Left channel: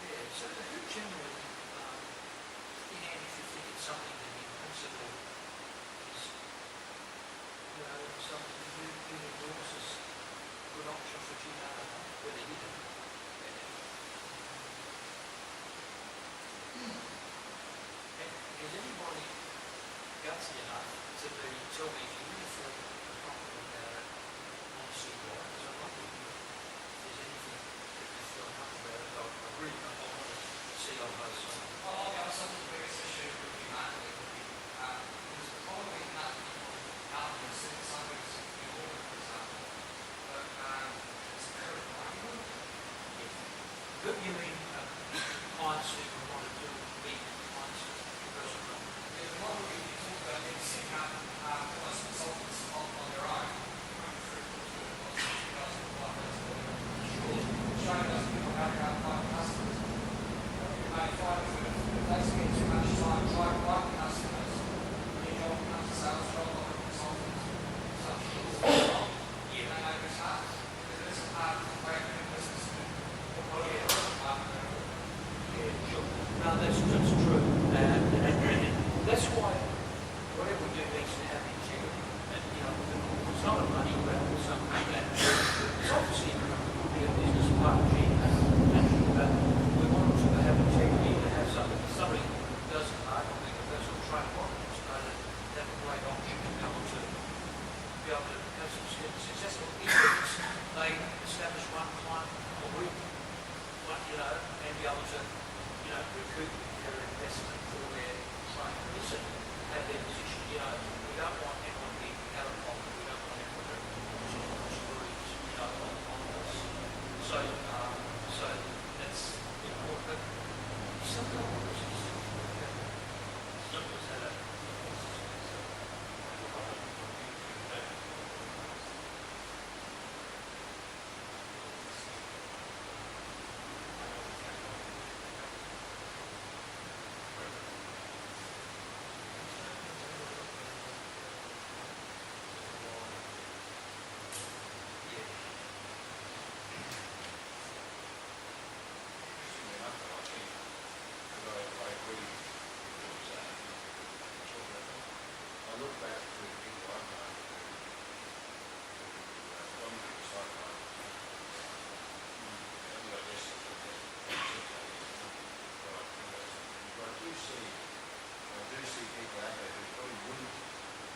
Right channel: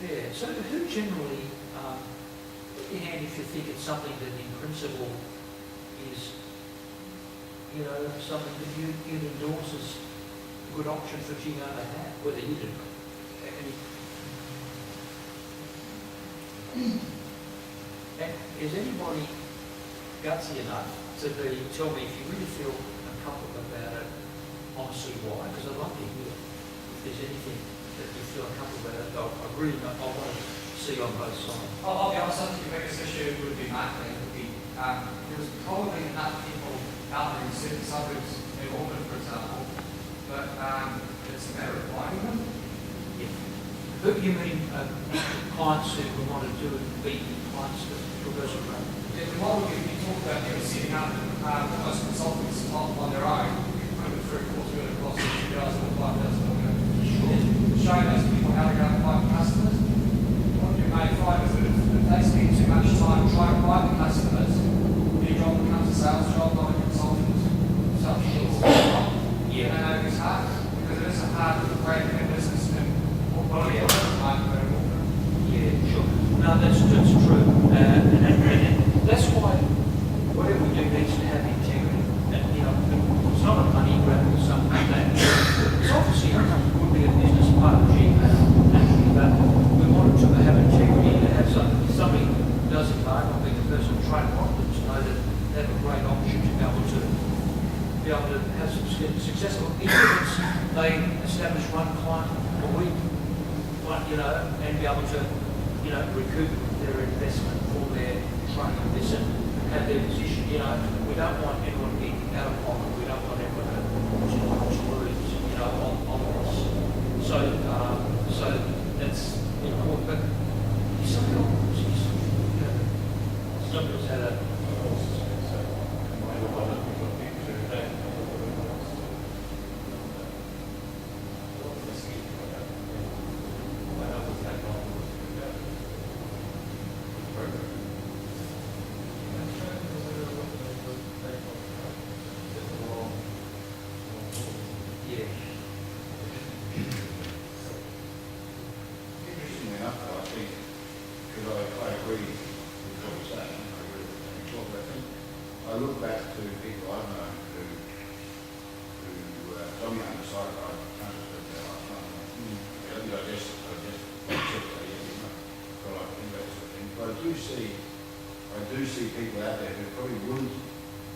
Yeah, so who generally, in hand if you think it's something that in principle is, you know, something that you endorse as a good option for GKR to have, whether you do any. And is anybody gutsy enough to tell me if you really feel uncomfortable about it, honestly why? Because I'd like to hear if there's anything that you feel uncomfortable about it. I really I want to see on both sides. I'll be honest, I think the biggest issue would be marketing. There's probably enough people out there in certain suburbs in Auckland, for example, but it's a matter of finding them. Yeah. Who you mean clients who want to do it, be clients to reversal run? Yeah, the model you talk about, setting up most consultants on their own, maybe $3 million cost $2,000 or $5,000. Showing those people how to go and find customers. What you may find is that if they spend too much time trying to find the customers, their job becomes a sales job, like a consultant, such as Yeah. and I know it's hard, because it is a hard way to do business in what do you have in market. Yeah, sure. No, that's true. And that's why whatever we do needs to have integrity. And, you know, it's not a money grab or something like that. It's obviously would be a business part of GKR, naturally, but we want it to have integrity, to have somebody who does it hard, not being a personal trainer, want them to know that they have a great option to be able to have some successful influence. They establish one client a week, you know, and be able to, you know, recoup their investment for their training this and have their position. You know, we don't want anyone to be out of pocket. We don't want everyone to lose, you know, on this. So that's important. But sometimes, you know, some of us had a. Interestingly enough, though, I think, because I agree with what you're saying, I look back to people I've known who I'm young, so I can't speak about last time. I think I just but I do see people out there who probably wouldn't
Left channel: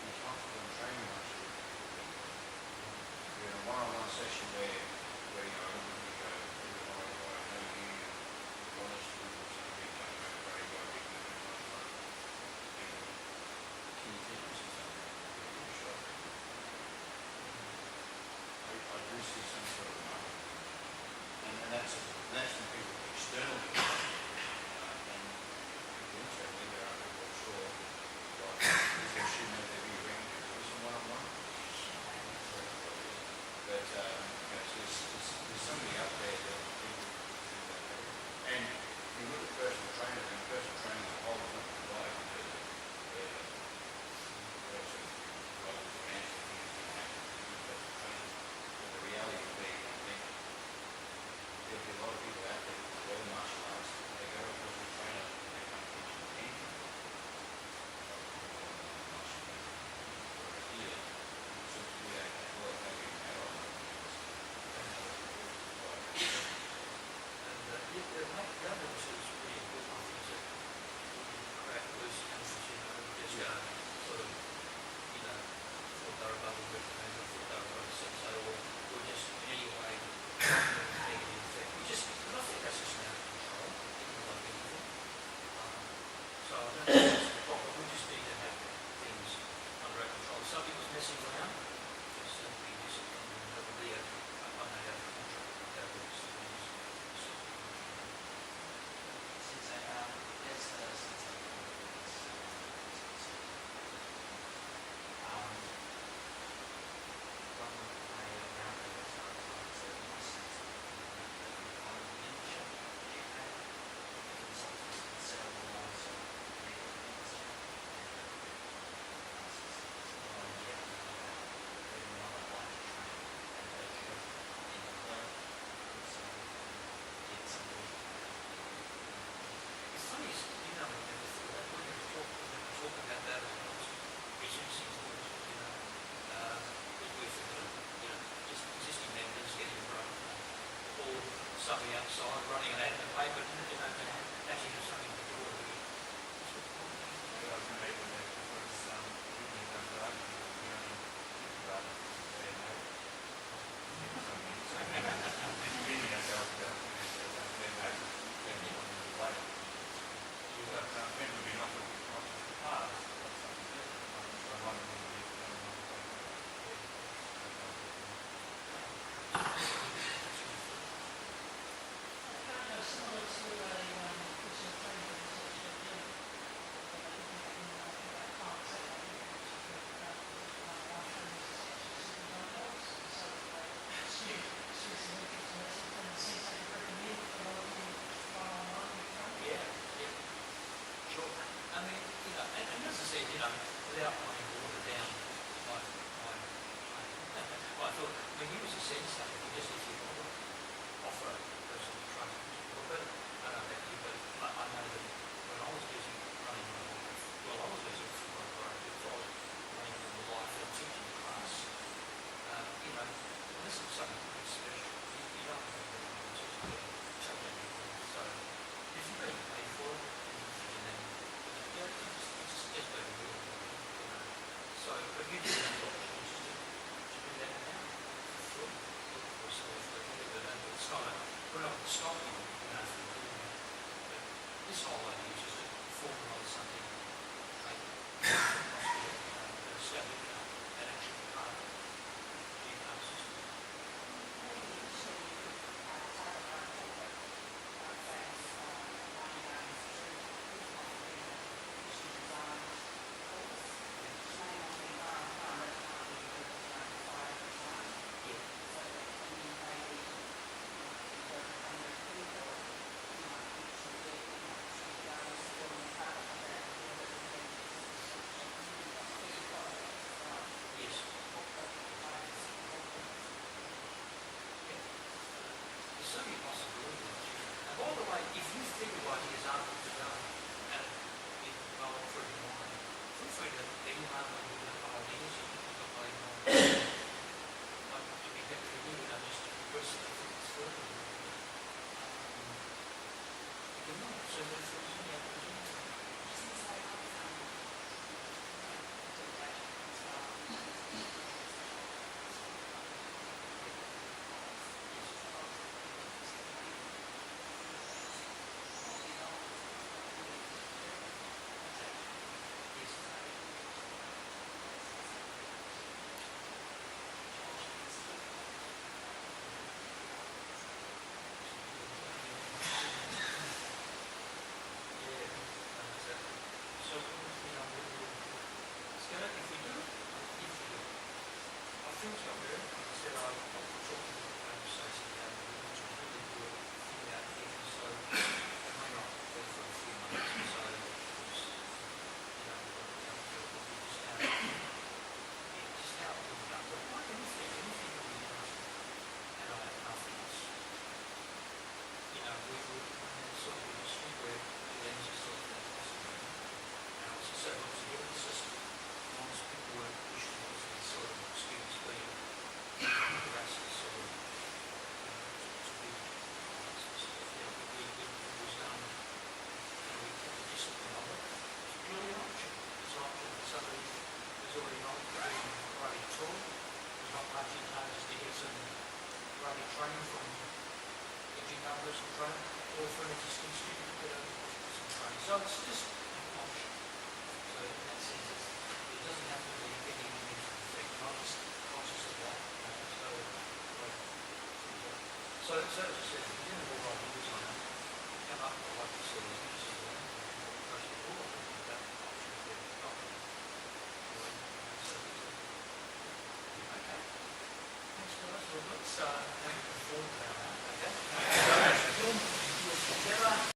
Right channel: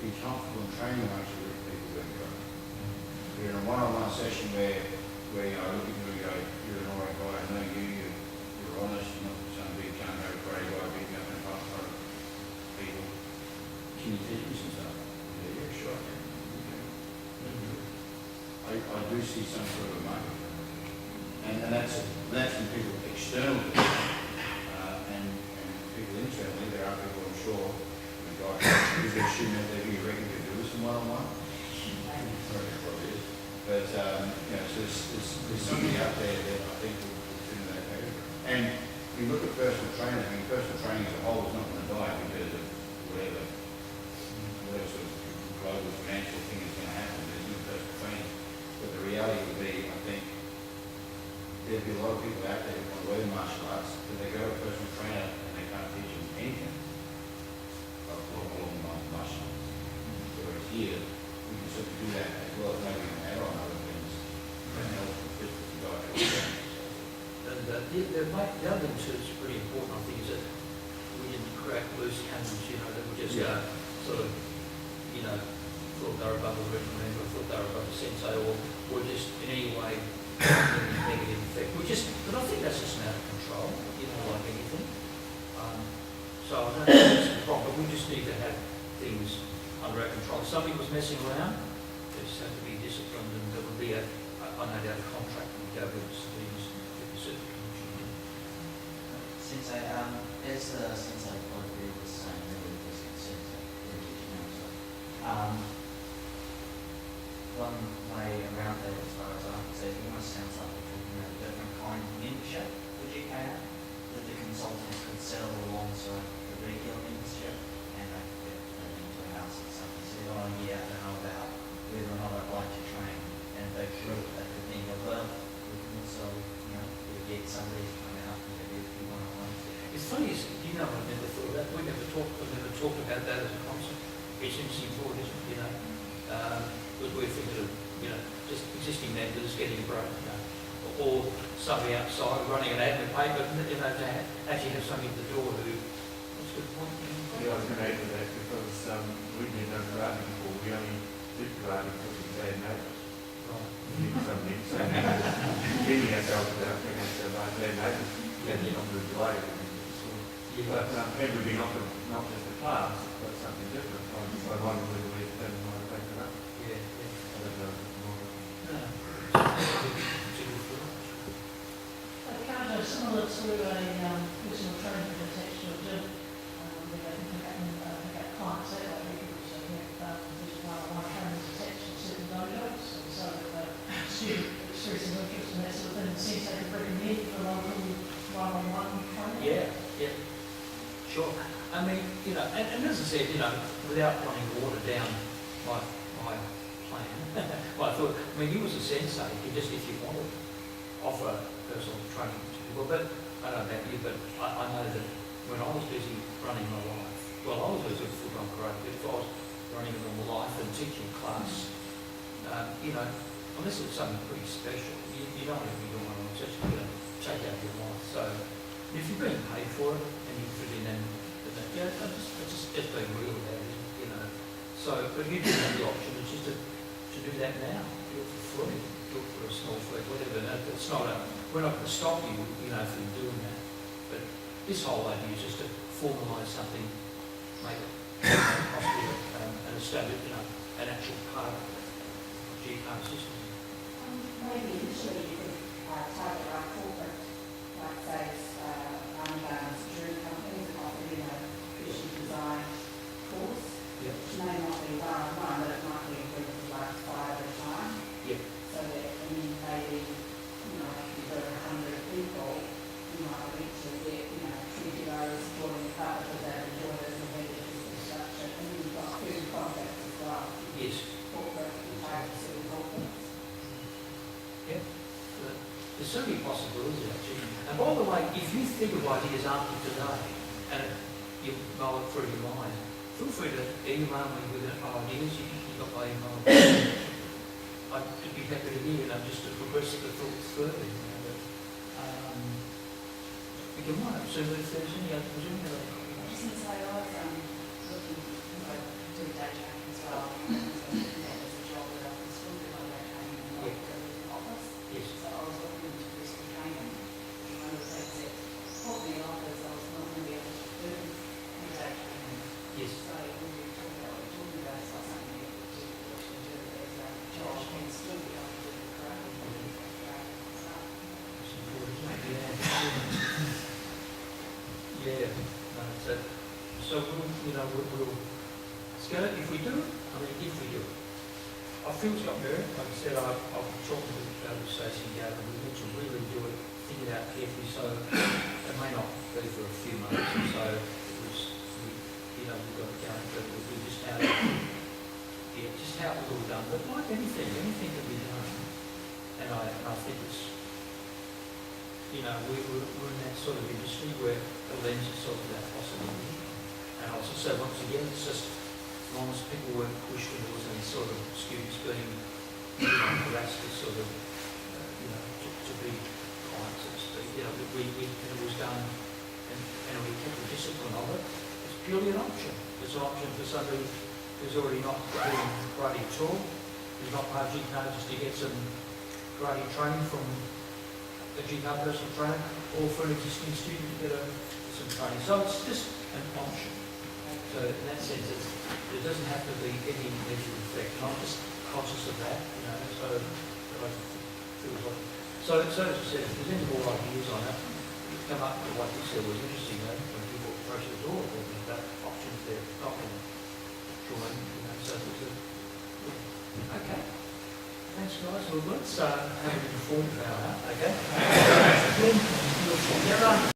be comfortable in training much of the people anyway. We're in a one-on-one session where you know, I look at you and go, you're an alright guy, I know you're honest, you're not some big gung-ho grey guy picking up in front of people. Can you teach me some stuff? Yeah, sure. I do see some sort of market. And that's from people external to me. And people internally, there are people I'm sure, is there a student out there who you reckon could do some one-on-one? But, you know, so there's somebody out there that I think will fit in that category. And if you look at personal training, I mean, personal training as a whole is not going to die because of whatever sort of global financial thing is going to happen. There's no personal training. But the reality would be, I think, there'll be a lot of people out there who want to learn martial arts, but they go to a personal trainer and they can't teach them anything along martial arts. Whereas here, you can sort of do that as well as maybe an add-on other things. And the other thing that's pretty important, I think, is that we didn't crack loose cannons, you know, that we just sort of, you know, thought they were above a recommend or thought they were above a sensei or just in any way negative effect. But I think that's just an out of control, you know, like anything. So I don't think that's the problem, but we just need to have things under our control. If somebody was messing around, they just have to be disciplined, and there would be I no doubt a contract with go with civilians and certain Since there's the since I've got to do the same one way around it as far as I can see, it almost sounds like a different kind of membership for GKR, with the consultants could sell alongside the regular membership, and I could get into the house or something. So what I hear and know about whether or not I'd like to train, and they could at the end of it, we can also, you know, we'll get somebody to come out and give you funny is, you know, I never thought of that. We never talked about that as a concept. It's interesting thought, isn't it? You know, because we're thinking of, you know, just existing members getting a break, you know, or somebody outside running an ad in the paper, you know, to actually have somebody at the door who, what's the point? Yeah, I was going to add to that because we've been done karate before. We only did karate because of bad neighbours. Feeling ourselves about being bad neighbours, and then on the delay. But maybe we not just the past, but something different. I wonder whether we have done my way for that. Yeah, I don't know. no. It's a good thought. Kind of similar to a personal trainer that's attached to a gym. You can get clients that way, you can also get one-on-one trainers attached to certain dojos, and so that the student expresses interest in that sort of thing, and seems they could recommend for local one-on-one training. Yeah, yeah, sure. I mean, you know, and as I said, you know, without wanting to water down my plan, I thought, I mean, you as a sensei, you just, if you want to offer personal training to people, but I don't know about you, but I know that when I was busy running my life, well, I was busy with football karate, if I was running my life and teaching class, you know, unless it was something pretty special, you don't want to be doing it, just, you know, take out your life. So if you're being paid for it and you fit in, then yeah, just being real about it, you know. So, but you do have the option, which is to do that now. Do it for free, do it for a small fee, whatever. It's not we're not going to stop you, you know, from doing that. But this whole idea is just to formalise something, make it possible, and establish, you know, an actual part of the GKR system. Maybe initially you could target like corporate, like say, Ramadan's jewelry companies offering a fashion design course, Yeah. which may not be one-on-one, but it might be a group of like 5 at a time. Yeah. So that maybe, you know, if you've got 100 people, you might eventually get, you know, 20 hours supporting the part because they enjoy it and have their business structure. And then you've got 30 contracts as well. Yes. Corporate, targets and corporate. Yeah. There's so many possibilities actually. And by the way, if you think of ideas after today and you mull it through your mind, feel free to email me with ideas. You've got my email. I'd be happy to hear, you know, just to progress the thoughts further. You know, but, you can mind. So if there's any other presume that I just need to say I was looking to do day training as well. There's a job where I can spend a lot of training in the office. yes. So I was looking into do some training. And one of the things that put me off is I was not going to be able to do a day training. Yes. So when we talk about what you're talking about, it's like something that you actually do as like a job and still be able to do the craft. Yeah, no, that's it. So we'll, you know, we'll scale it if we do it. I mean, if we do it. I feel it's got merit. Like I said, I'll be talking to Stacey and Gavin. We want to really do it, think it out carefully. So it may not be for a few months or so. It was, you know, we've got it down, but we'll do just how, yeah, just how it was all done. But like anything can be done. And I think it's, you know, we're in that sort of industry where the lens is sort of that possibility. And also, so once again, it's just as long as people weren't pushed towards these sort of students being harassed to sort of, you know, to be clients, so to speak. You know, it was done and we kept the discipline of it. It's purely an option. It's an option for somebody who's already not doing karate at all, who's not part of GKR, just to get some karate training from a GKR personal trainer, or for an existing student to get some training. So it's just an option. So in that sense, it doesn't have to be any negative effect. And I'm just conscious of that, you know, so I feel like. So as I said, if there's any more ideas on it, you come up with what you said was interesting, you know, when people approach the door, there's that option if they're not going to join, you know, so it's a, yeah. Okay. Thanks guys. Well, let's have an informed about that, okay?